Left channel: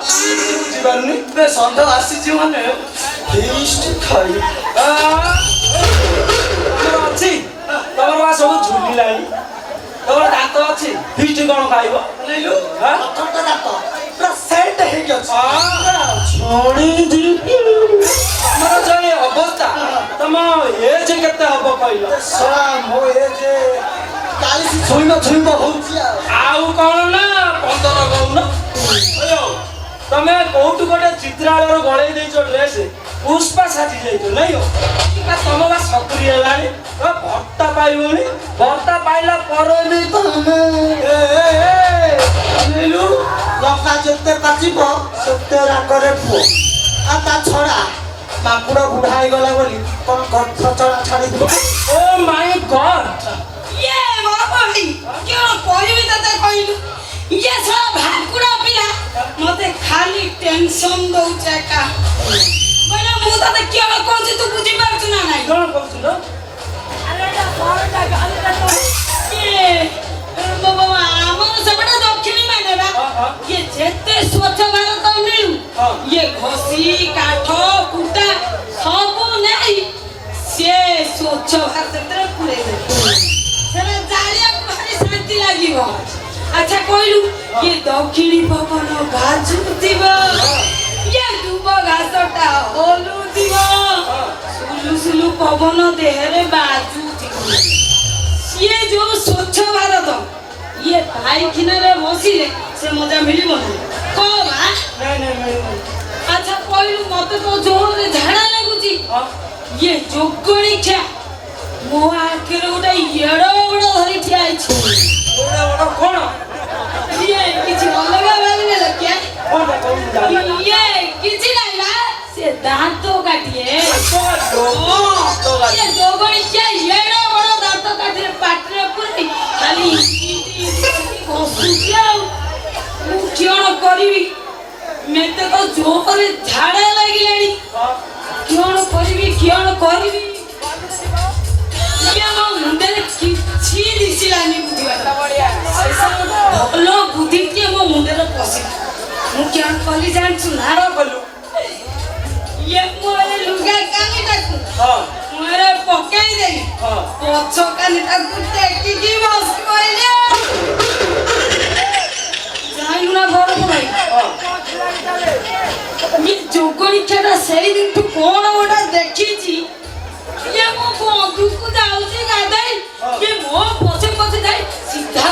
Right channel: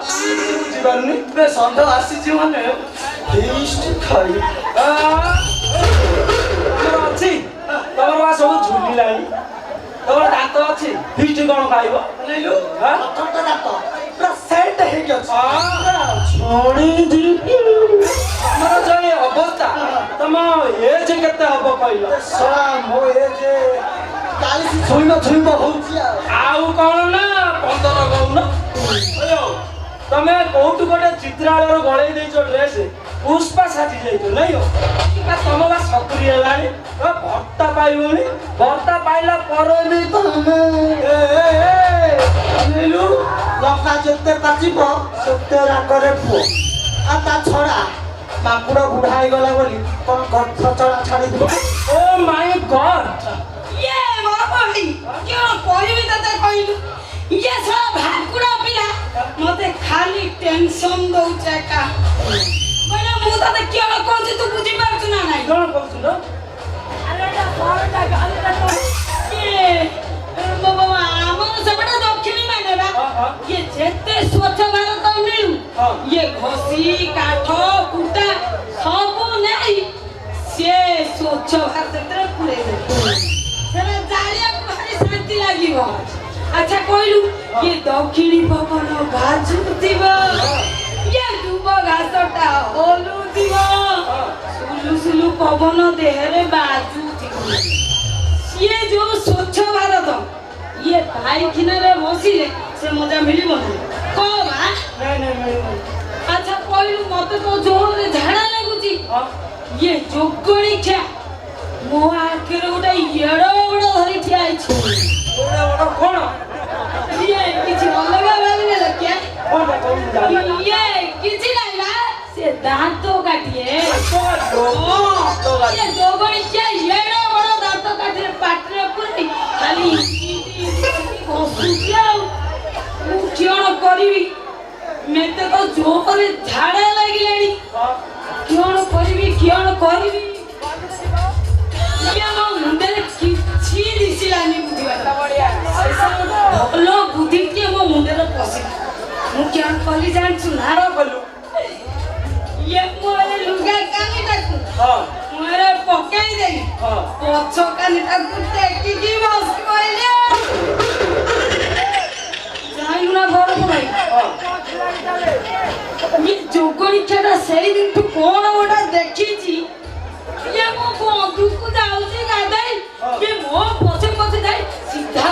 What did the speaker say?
ବୁଝିପାରୁନି ବେ ଷଣ୍ଢ ଆସିଛି ମାନେ ଫିଷ୍ଟ ଖାଇ ତମର ଅଛି ତମର ବା ସବୁ ଝୁଲିଲାଣି ତମର ଦାନ୍ତ ଅଛି ଫିଷ୍ଟ କଣ ଖାଇବ ନେଲୁ ଦାନ୍ତ ପୁରା ସେଟ୍ ହେଇକି ଅଛି ତମର ଯୋଉ ଅବସ୍ଥା ତମ ଏଜ୍ କେତେ ହବ କହିଲ ମୋ ଏଜ୍ 40 ଛୁଇଁବ ହଉଛି ଆଉ କଣ ନା 15 କହୁନ ତମେ କୋଉଠୁ ଗୋଟେ ଚିତ୍ରାଳୟରୁ ଗଳେଇ ଦେଇଛ ଡ୍ରେସ୍ ପୁଷ୍ପା ସାଜି ଯାଇଛ ନାଇଁ ତମ ବା 70 ହେଲାଣି ଭର୍ତ୍ତା ପାଇବନି ଭର୍ତ୍ତା ପାଇଲା ପରେ ବି ତମେ ଲଙ୍କା ଯେତେ ପାଚିବ ସେତେ ରାଗରେ ପୁଅ ଆଉ ତା ଛଡା ମାକୁଡ ବୁଢା ହେଇଗଲା ବୋଲି କଣ ଗଛ ଚଳା ଛାଡିଯିବ ଓ ମାଇ ଗଡ୍ मते खाली टेंशन दउचे का मैंने मु तते के कहछि तू बुझी पाछ ना नाही कोन कहछु न अरे एटा फोनटा गालटा तो ये बाबा हमर सबटा दक्षिणी माने बा ये जेते स्वच्छ भारत मिलु ये घोसी काठ कुटा सब नाही से स्वच्छ भारत रे पुरे सेना जालिया भारी शांति लागिबो अच्छा कहलु ये दक्षिणी पवन बाजुतिबो ये दुब घासटा होलुतिबो सुलु सुलु पवन देहरे बाजुतिबो ये जो स्वच्छ भारत ये पाइखिना रे बसिले से मजा मिलिबो ना को बा नहीं अच्छा कहलु मते तो जोर रे झाड़ा लागुची ये जोगणी छा मो आखिर उडा येडो बडो धरि ठियाई छी ओडा कोन ये किछि अलगा भागने लग्या ये किछि नाही बा से दांतो काटिए ये दोगणी क्या येडो बडो दांतो काटिए पाटरे पुरी खाली कोसुकिया मु कियण करिवि मेते तो जोरे झाड़ा लागिलानी कियण करिवि ये मो मुंडे किछि दिसिलानी बुझिबा बढ़िया भलो बुद्धि के मो मुंडे रे पसी मु क्या कली जानछु नारो कलु ये मोरे लुगा कानी टाकु मोरे पकाई देली पछो कानी टाकु टेकी की बस कइले जाइलु ना घर को भाई ये जोगणी छटा सेई दिन तू कोन ओडा देखिची ये मो बंधु को जाउची गादाई ये मो पछे पछे जाई सीधा